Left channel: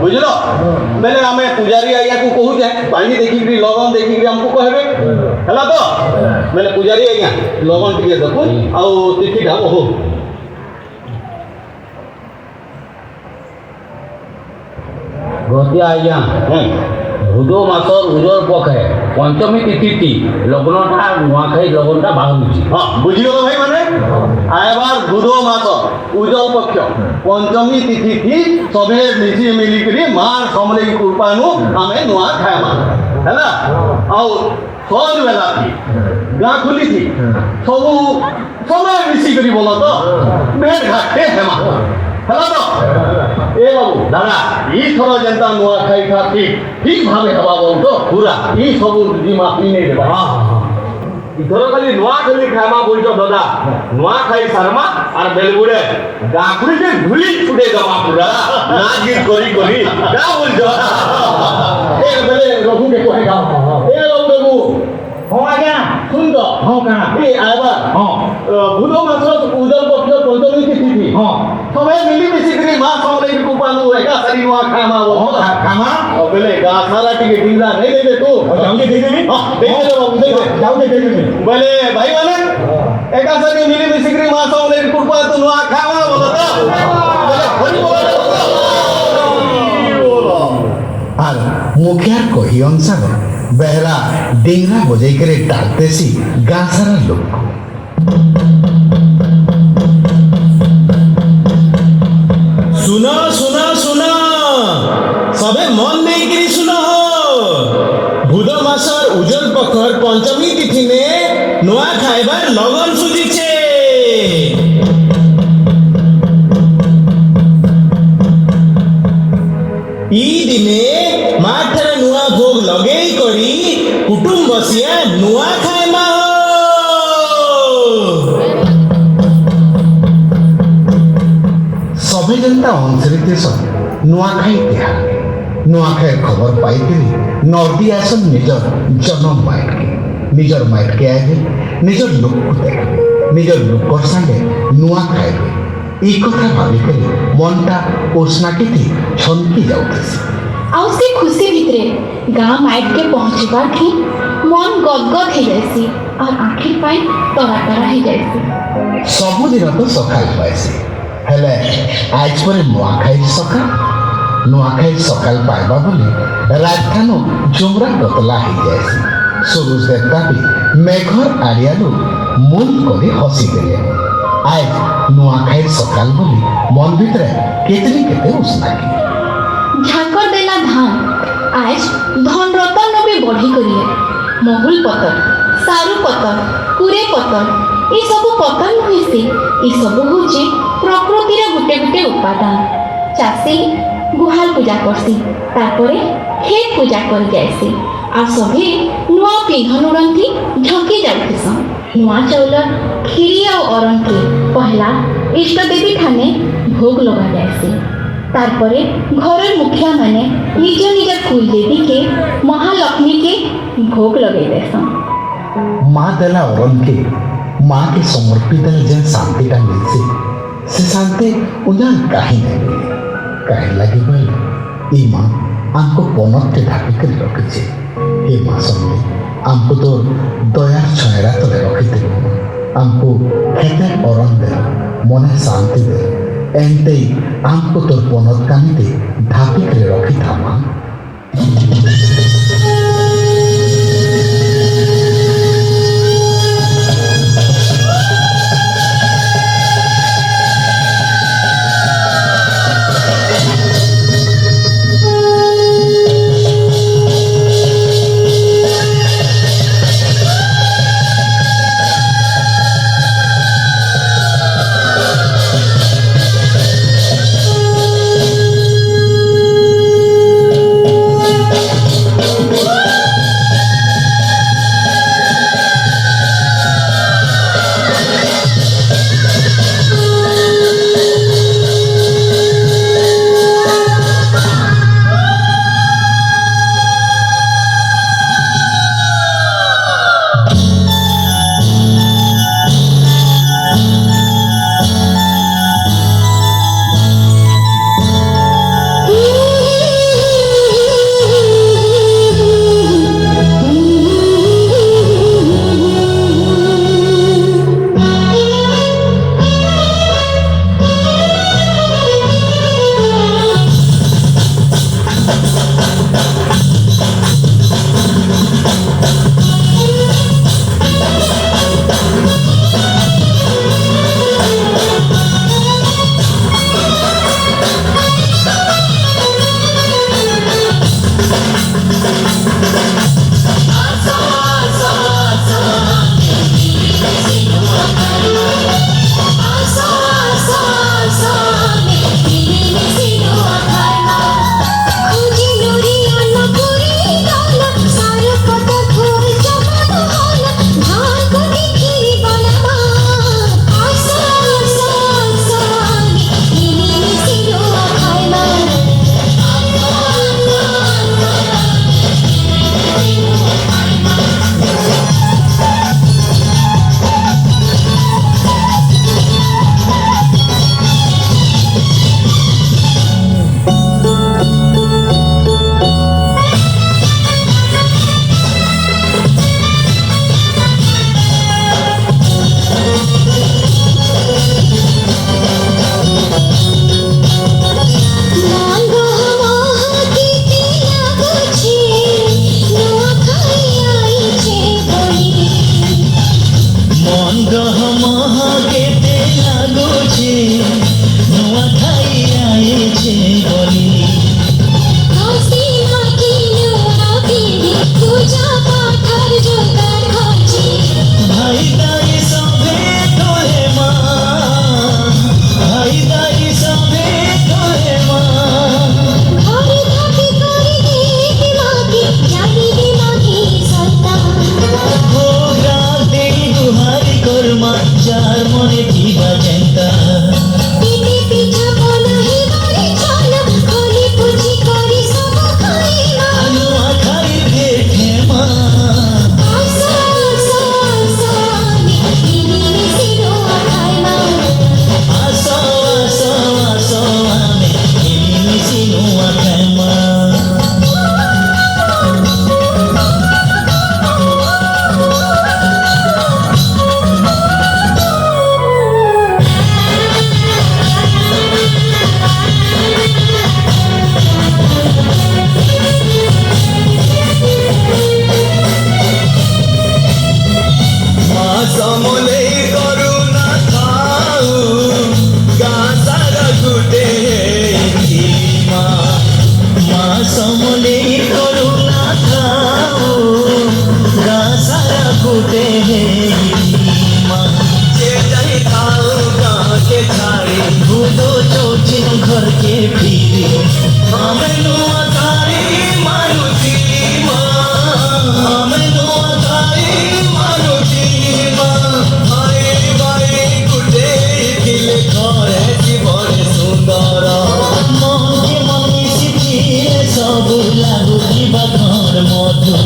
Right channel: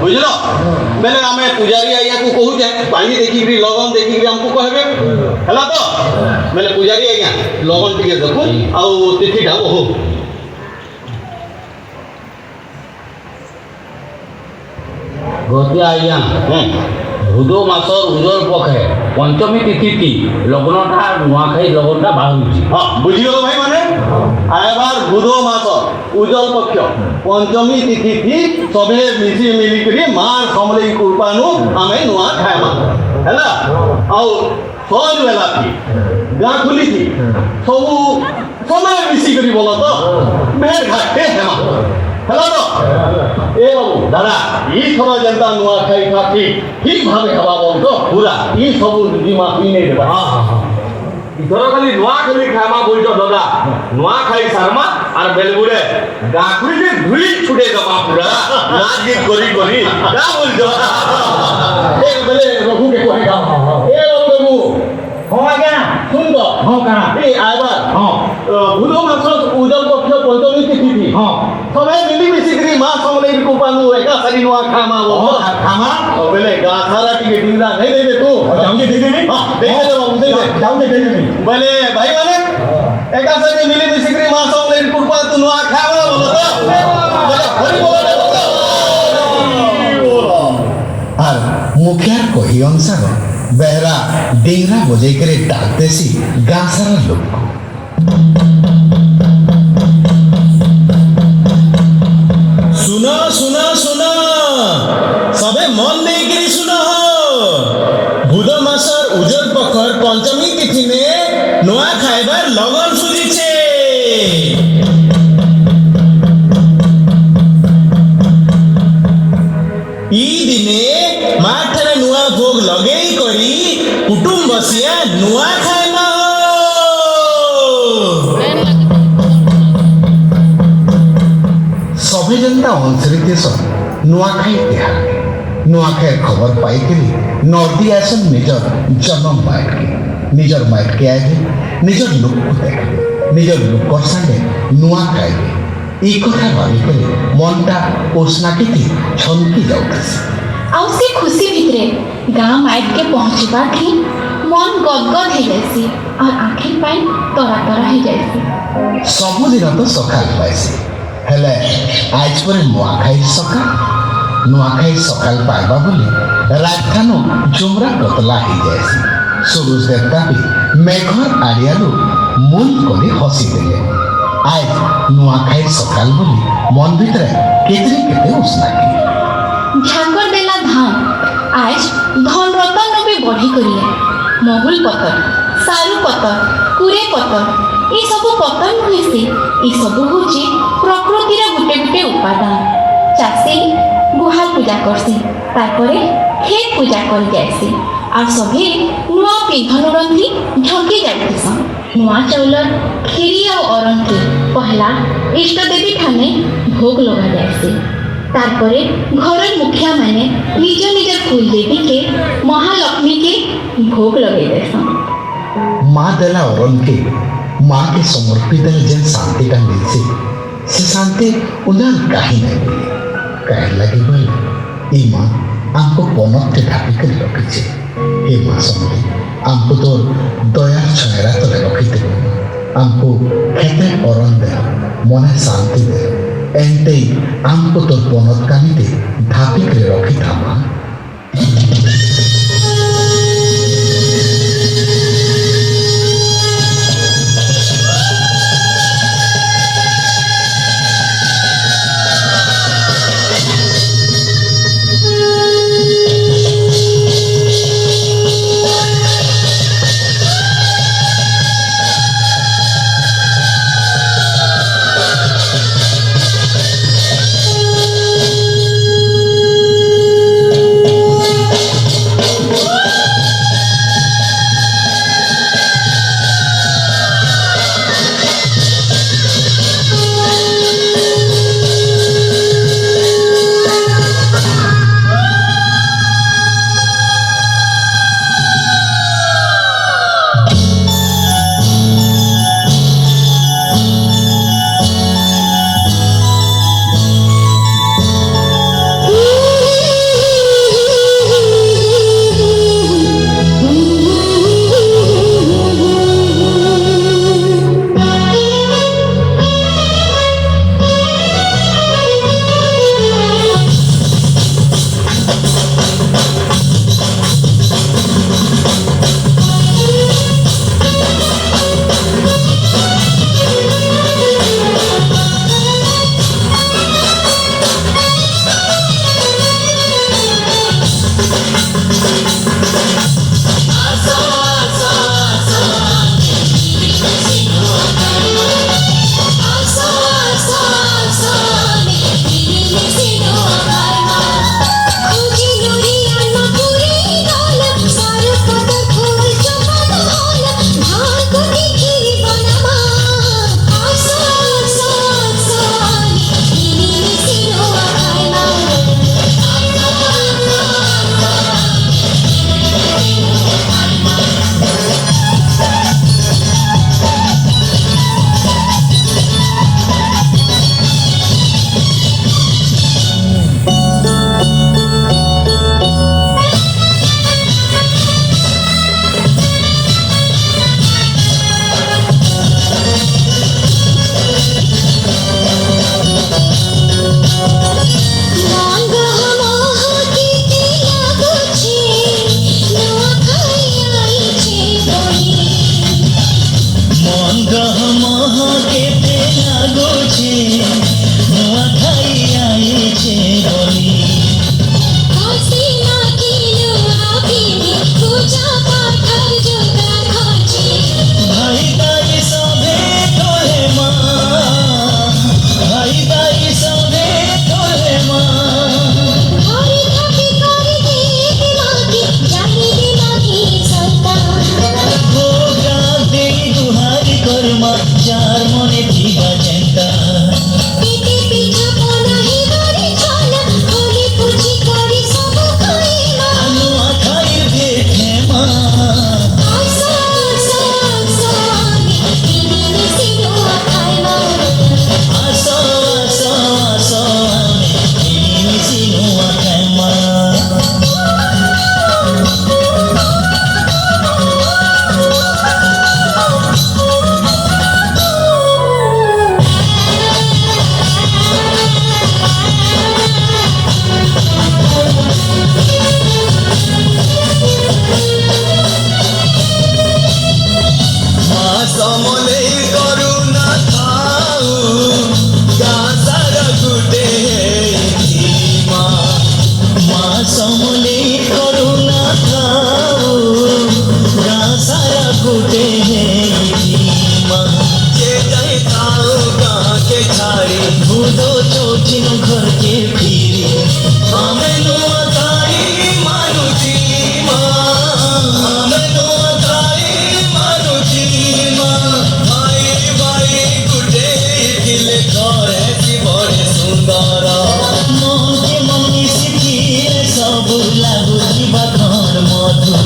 बुझल बेले आम पूजारी आज्ञा को कहूचे पानी देखिक लगन देखिक आमको कहबे है तो बेले पूजारी आज्ञा लगन टे देखु आउ तिथिटा कहू गद्य आज्ञा भूदो मासर उजर पक्षे पंचमी तिथि लग्नटा नुआखाई लगनटा बाहुची हाँ बुझीगल भाई माने आयबार भूदो मास उजल पक्ष पंचमी तिथि थी सबे मिसी मिलिकरी मार समले कृपानु आमे नुआ खाएमा हैला आउ सज बेला थी गाँ खुली थी सबू समय मिसी करी बोला तो मेर घाटे हेमा हैला तो ए बाबू दादा ई थरो जनता नुआ खाई था ठीक भावे हवा बोल तो पूरा ई सबू दिमा पीने देबा हां इधर खाली नुआ खाली खामा बोलतो दादा नुआ खाई शर्मा और बेलगुड़े गाकुड़ी से धुई छुटे गवा पूरा नाजी कोरी क्या बोलतो ए बेले रघु के कहेगा ए रघु हो आज्ञा सुन तो हो का ए आइबा हां भूदो मास उजल पक्ष पंचमी तिथि थी हां समय मिली मिसिकरी मां समले कृपानु एका सरी नुआ खामा खामा बेले गाथारा टिके डिंगला नहीं देबे तू जाऊंगे देखे नहीं हां देखे दे बाबू देखे जाऊंगे देखे नहीं बोले भाई माने एका सरी मिली मिसिकरी मां समले कृपा तू नुआ खामा बोलता बोले खरी बोला আর মুখিয়ার কহি অনুসার বেহরা ডেংরা বজাই করে ডাকতেছি গাঁ সারা লোক सुना सुना सुना सबे मन देकिरी सुना भूद मासर उजल पखर पंचमी तिथि में नुआ खाइबार लगन सुजिछे ई दिने माठारे नुआ भोग लगेई करी कुटुंब बसिया नुआ खाइमा সবে যেনটা অঞ্চলিত নুয়াখাই তিহার নুয়াখাইয়ের খবর পাইকিরি নদী আসন নিজর জন্ম মাইটকে নিজর মাইটকে আইবে নিজর লোককে দেবে নিজর লোকর সাথে নুয়া খাইবে এই কথা ভাবি করে মনটা ওসনাটিতে ছনকি যাউতেছে ଆଉ ସେ ଖୁସି ଭିତରେ ଗାଁ ମାଇଟକେ ପହଞ୍ଚିବା ଠି ମନ ଗଦଗଦ ହେଇଯାଇସି ଆଉ ଆଖି ପାଇଁ ତରା ତରା ହେଇଯାଇସି ସବୁଦିନ ତ ସକାଳ ପାଇସି ହେଲେ ଆଜ ପରେ ନୂଆଖାଇ ସକାଳ ପାଇବା ବୋଲି ରାଜଧାନ ଜୋମରା ବତଲା ହେଇଯାଇସି ସୁରୁଜ ଦେବତା ବି ମେଘର ଆଡ଼ିଆରୁ ମୁନ କରି ହସି ଦେଲେ ଆଜ ନୂଆଖାଇ ସକାଳ ବୋଲି ମନ ଭିତରେ କେତେ ଉଷ୍ଣାକି ଝାକର ଦେଲା ଧାନ ଆଜ ଧନ ରତନ ବି ବଢ଼ି କରିଲେ ମହୁଲ ପତର ସାରୁ ପତର କୁରେ ପତର ଏସବୁ ପତର ନୁହେଁସି ଏସବୁ ହେଉଛି ପ୍ରକୃତିର ଗୋଟେ ଗୋଟେ ଉପାଦାନ ଚାଷୀ ଗୁହାଲ ପୂଜା କରସି ତାପରେ ଖେତ ପୂଜା କରି ଯାଇସି ଆଉ ସଭି ନୂଆ ପିଘନ ରନ୍ଧି ଝଙ୍କି ଯାଉଥିସନ୍ ନୂଆ ଚାଉଳ କ୍ଷୀରି ଆଉ ଅରଣକେ ପହଲା ଇଷ୍ଟ ଦେବୀ ଠାନେ ଭୋଗ ଲଗାଯାଏସି ତାପରେ ଘରର ମୁଖିଆ ମାନେ ନିଜ ନିଜ କୁଲ ଦେବୀକେ ମହାଲକ୍ଷ୍ମୀକେ ଭୋଗ ଲଗେଇ ଦେସନ୍ ମା ଦେଲା ଅରଣକେ माँ के समर्पित जेन शांतिटा मिलছে से शांति उन्हें कहीं नहीं मिले कहीं लगे बोले ये माँ हमको पनते ढापी कर रखी हे माँ समझे हमको तो दया छयरा तो रखी थे हमको खेते अरण दे मने शांति दे एंटे हमको तो पनत कामी दे ढापी कर रखी था माँ नुआ खेमा समले करुणा खाऊ गासारा गुटे माँ समले करुणा खाऊ गासारा गुटे माँ जे जाए खाऊ गाँ के छाड़े भूदो चौथिन घर के फिरे हमें नुआ तारी मानुची माँ हमें नुआ तारी मानुची सुंदर मोहन के मन में सब लागू जीवा घर मधुर